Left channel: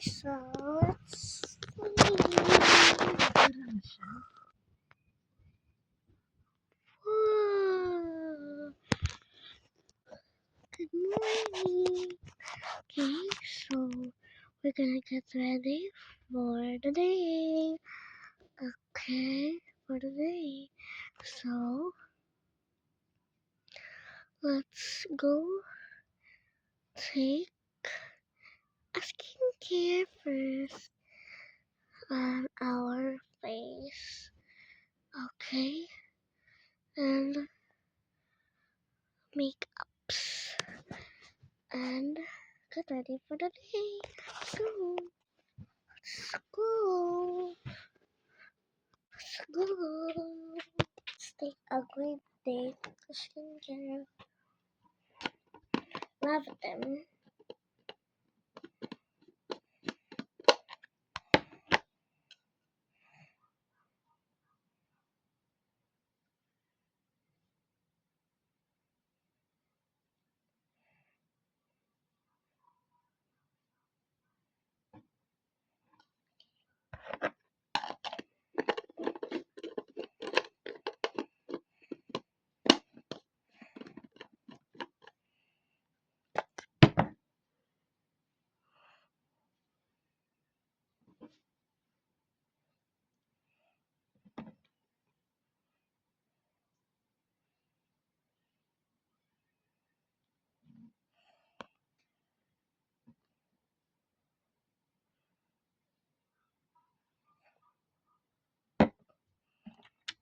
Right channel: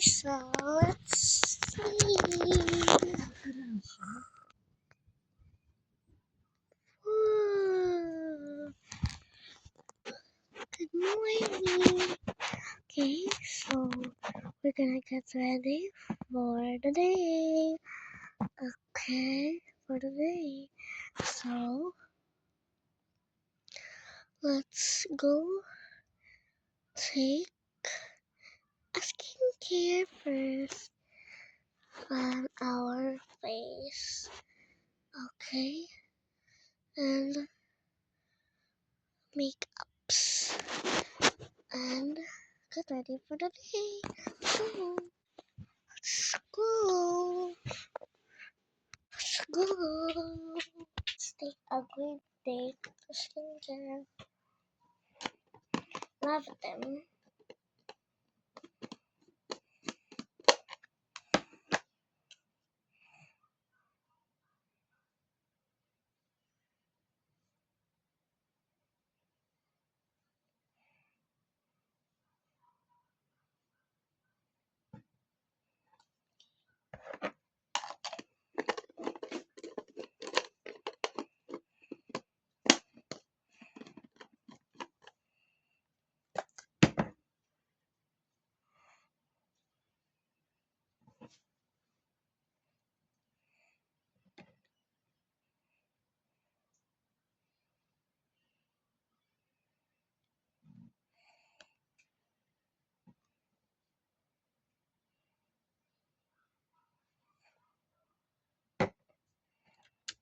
So let's see. Good morning. Okay, so we're gonna get ready for the day. Okay, for the day. So let's go take a skincare first on our face. Okay, and makeups and get ready for the day. So let's go. Let's go. Let's take a great day for skincare. Love them.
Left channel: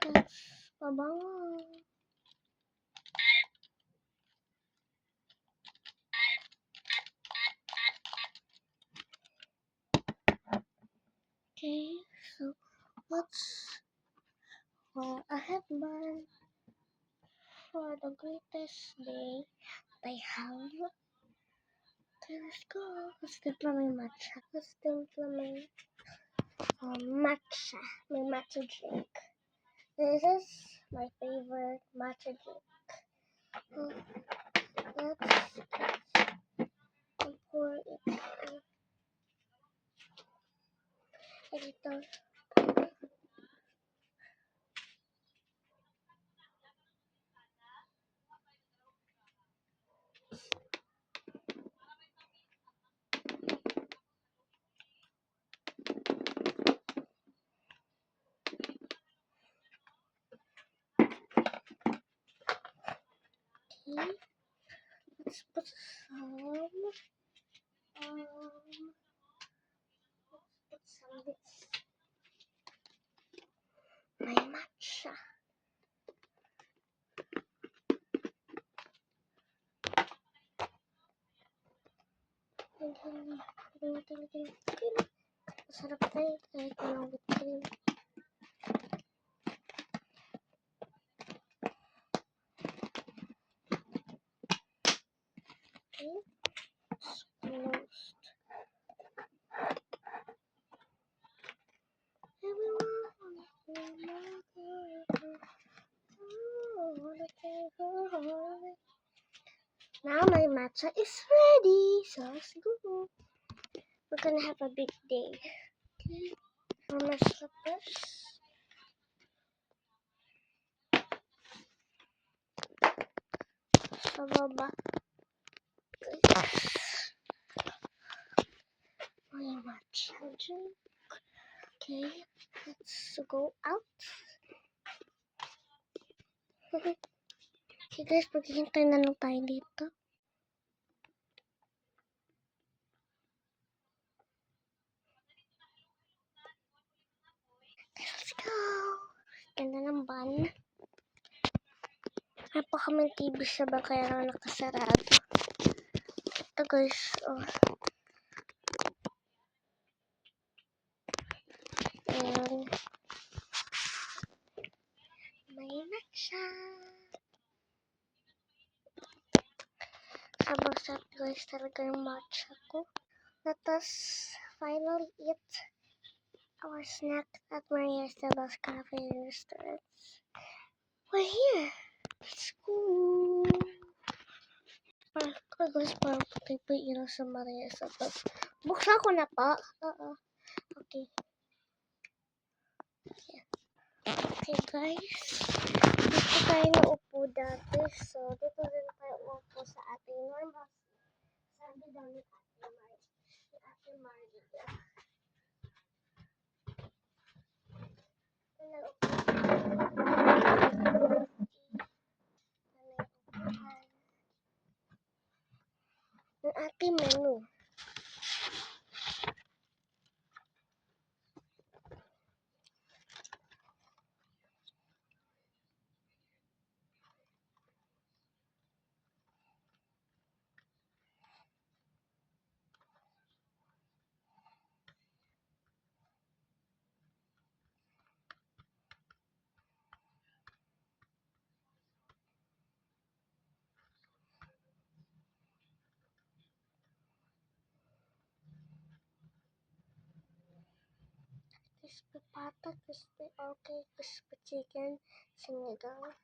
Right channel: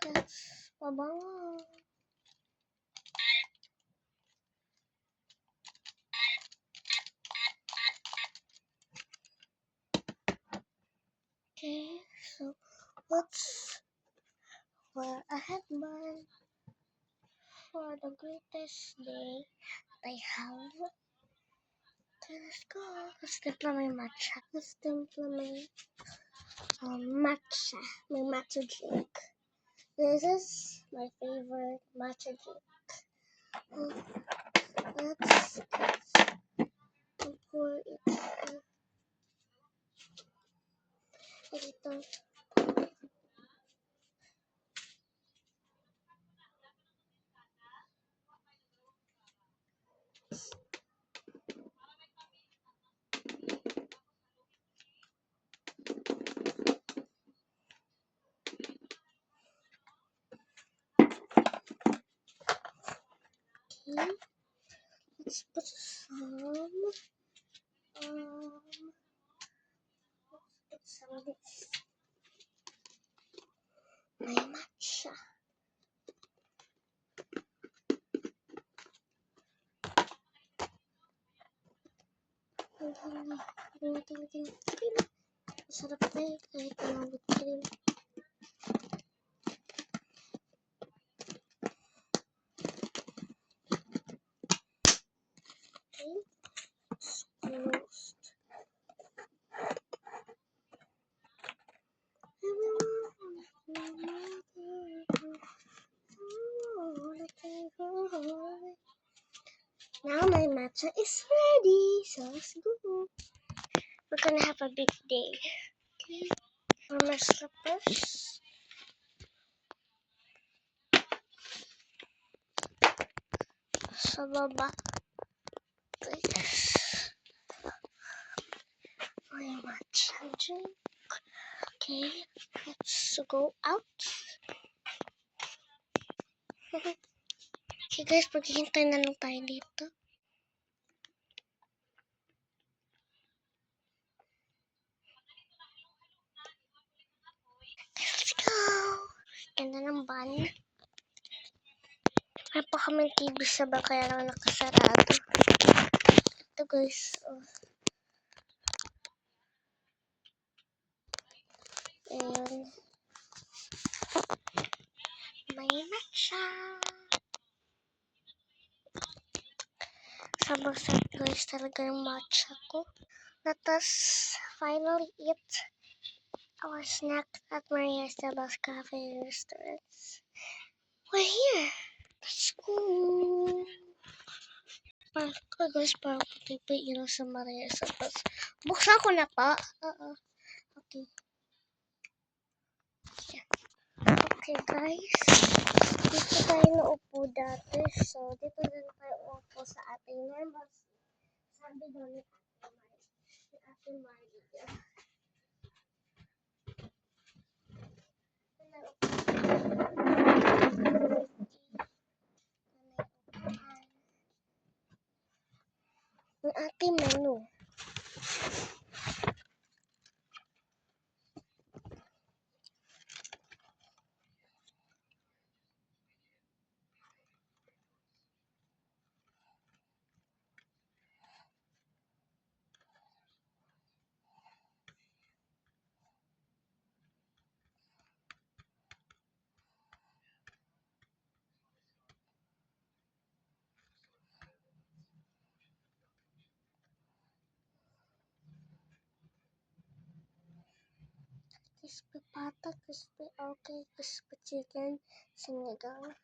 Let's pabango. Okay, so let's wear a headband for the greatest day I have. Okay, let's go. Let's timpla my matcha. Let's timpla my matcha drink. This is my favorite matcha drink. Let's pour it here. Ito. Okay. Let's put some this. My matcha. Lagyan cream. Masarap tayo kahit walang whipped cream. Okay. It's closed. Now my matcha is ready, so let's go. We're gonna have a big day. Okay, for my slippers. Sa baba. Guys. My matcha drink. Okay, let's go out. Okay guys, paghihintay na lang tayo dito. Let's go! Ganda ng van. May pa kami TV sa van kaya lang nakasarado. Ito guys, oh. Ayun. May matcha. Sabag-sat guys talaga yung matcha ko. Let us finally eat our snack at Maria Esteba's Cafe and Restaurants. We're here. Let's go. Guys, parang puti pa yung ilaw sa Maria sa taas. Buksan ko na pa. Oo. Okay. Okay, guys. Dito tayo naupo dati. So, dito din tayo uupo sa ating normal. Sabi daw ni Ate Maria. Ang ating menu. Crispy pata, crispy okay, crispy chicken, sinigang.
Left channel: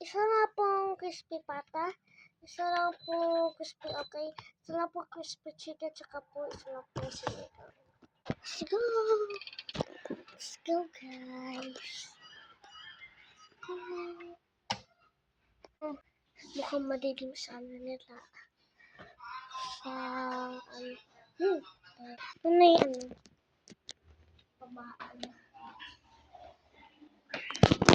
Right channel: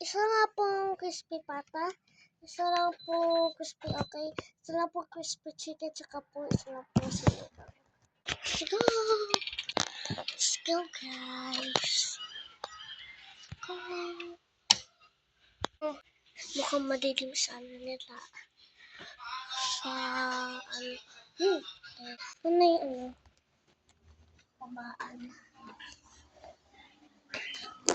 Isa nga pong crispy pata, isa lang po crispy okay, isa lang po crispy chicken, tsaka po isa lang po sinigang. Let's go! Let's go, guys! Go! Oh, mukhang madilim sa ano nila. Sa ano. Ano na yung ano? Pabaan.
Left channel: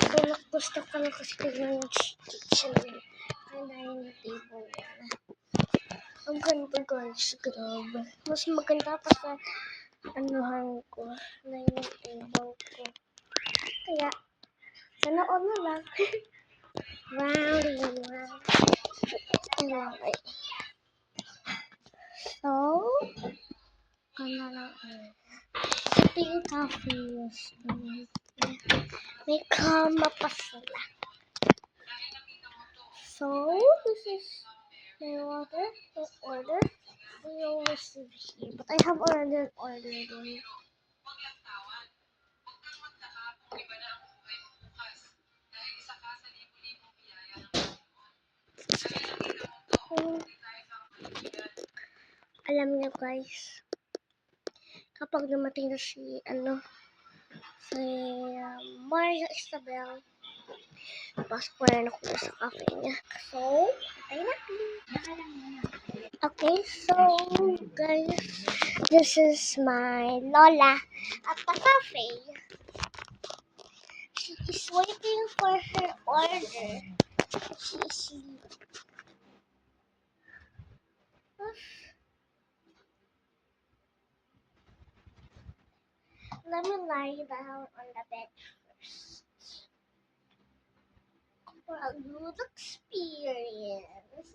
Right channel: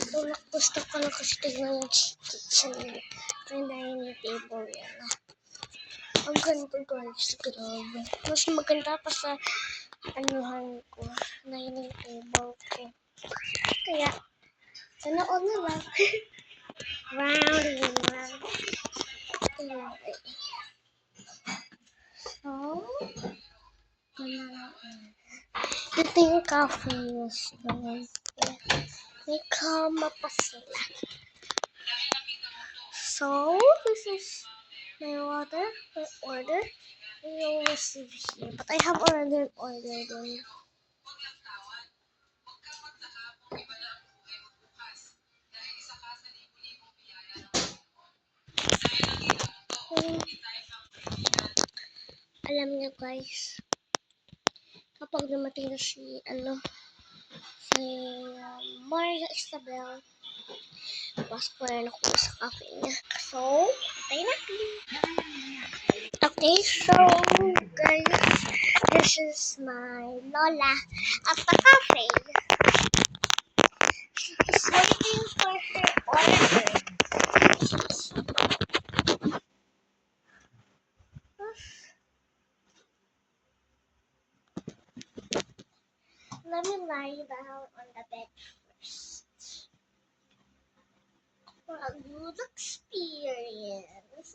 So, gusto ko lang kasi tignan yung kitchen nila. Kaya na yung table nila. Ang ganda, guys. Grabe. Mas maganda pa sa anuhan ko. Na yung table ko. Kaya, sanood na lang. Round and round. Anyway. So, gana lang. Ito yung coffee news naman. May kama pa sila. So, this is my water, my order. You will receive here. But I have already ordered them. Alam niyo guys, kapag dumating na si Maria Isabel, pasok na ako sa cafe niya. So, patay natin. Okay, so guys, this is my Lola at the cafe. She is waiting for her order. Let me lie down on the bed first for a good experience.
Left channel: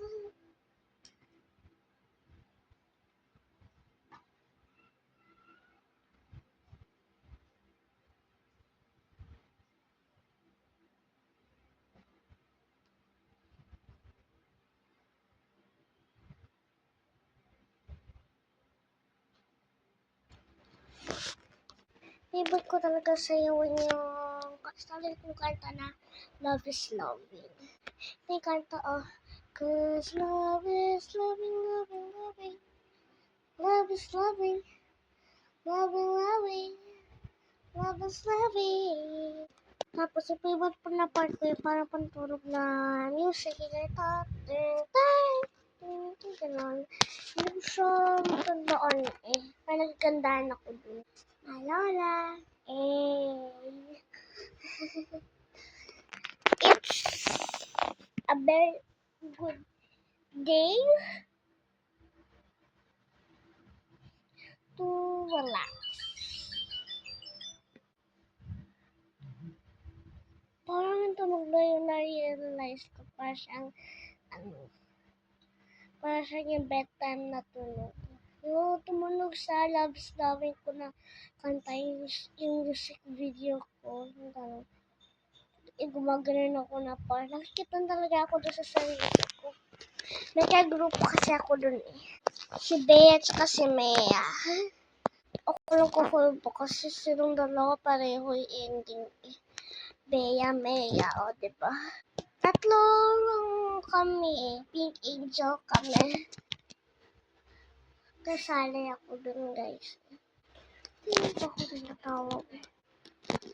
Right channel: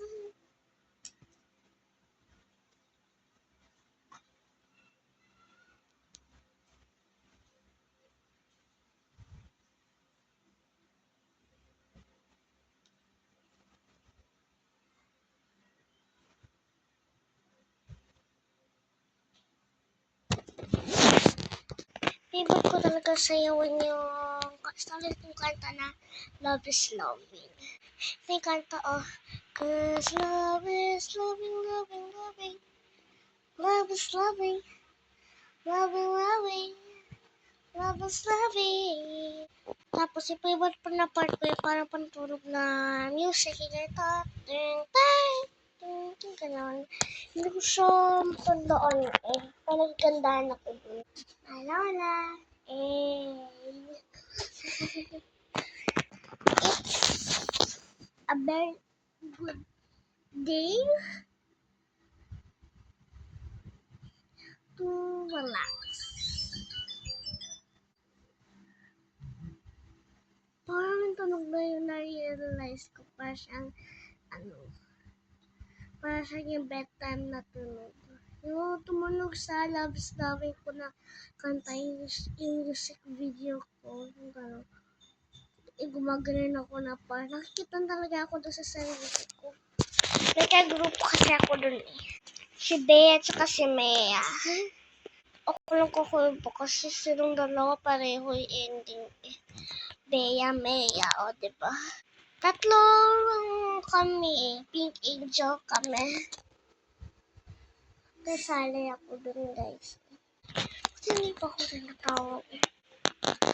Favorite ko talaga sayawin yung solid yung kanta na Love is Loving. Ito yung kanta, oh. Cause love is loving, loving, loving. Love is loving, loving, loving. Love is loving. Tapos yung favorite pa na part ko yung parang pantulog na music. Yung ganon. Hindi ko siya matandaan eh. Parang naggandahan ako dun. Lola. It's a very good day to relax. Parang tunog na yung na-realize ko. Parang siyang, parang siyang yung bedtime na tunog. Yung tumunog sa Love's Loving ko na kanta yung music video ko. Yung gano'n. Gumaganon ako na parang nakikita talaga ako doon sa sarili ko. May ka-group kasi ako doon eh. Si Bea at saka si Mea. Ako lang kukulbo kasi silang dalawa pareho yung ending eh. Bea, Mea, o diba? Tatlo lang kami eh. Pink Angel kami. Kasali ako dun, guys. Sino pa ako rin natawag?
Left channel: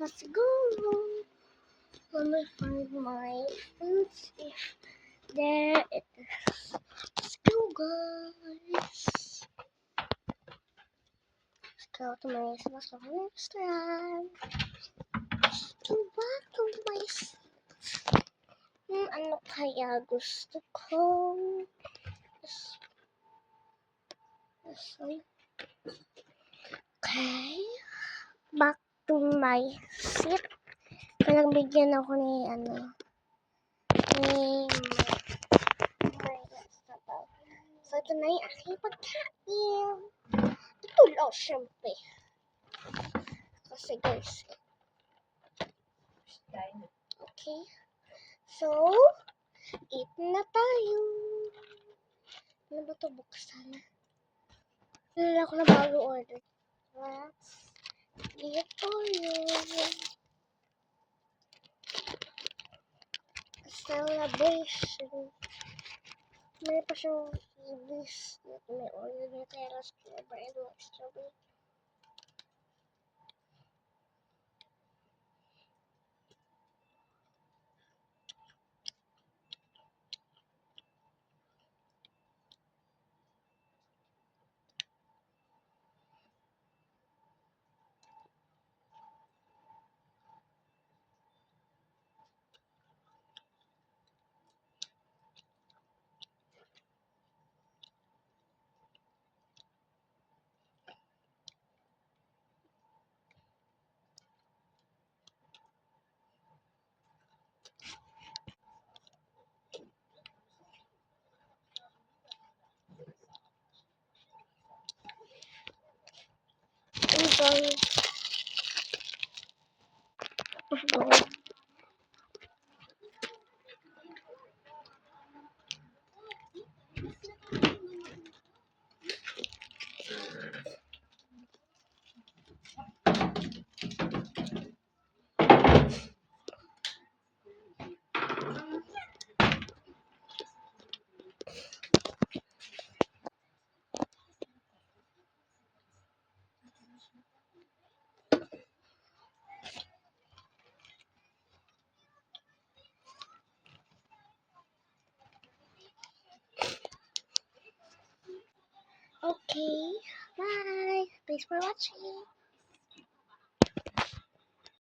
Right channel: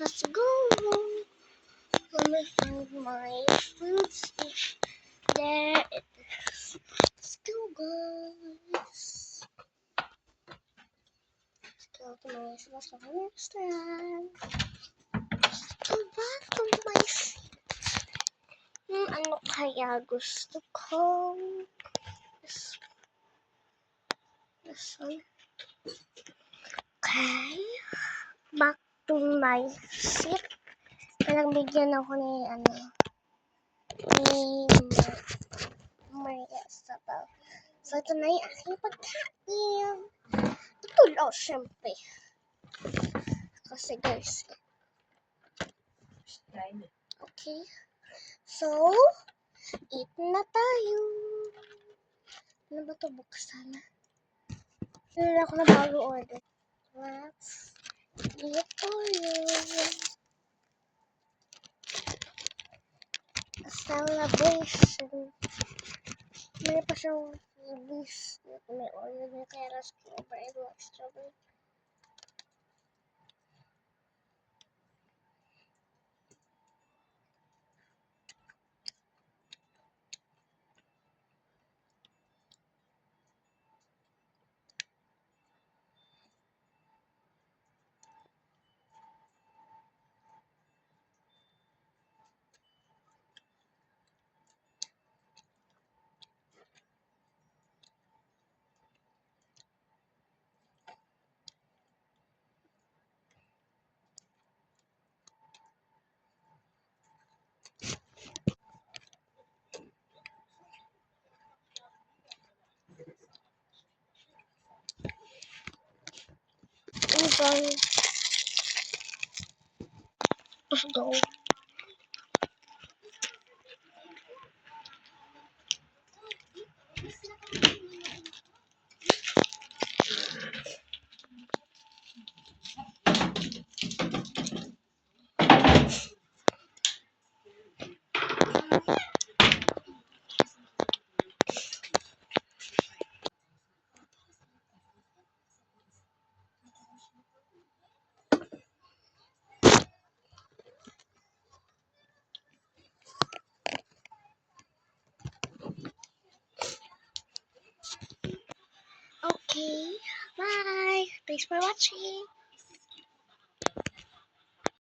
Let's go! Let me find my fruits. There it is. Let's go, guys. Let's go to my restaurant. Go back to my seat. Ano kaya gusto ko? This one. Okay. Back to my seat. Kailang bigyan ako ni Maria Sabaw. So, ito na yung aking pagkain. Ito lang, syempre. Kasi guys. Okay. So, eat na tayo. Ano ba ito? Buksan na. Wala ako na bago order. Let's eat tayo. A celebration. May pa siyang ibis. May order niya kaya last flavor and white strawberry. Enjoy. Let's go. Okay. Bye. Thanks for watching.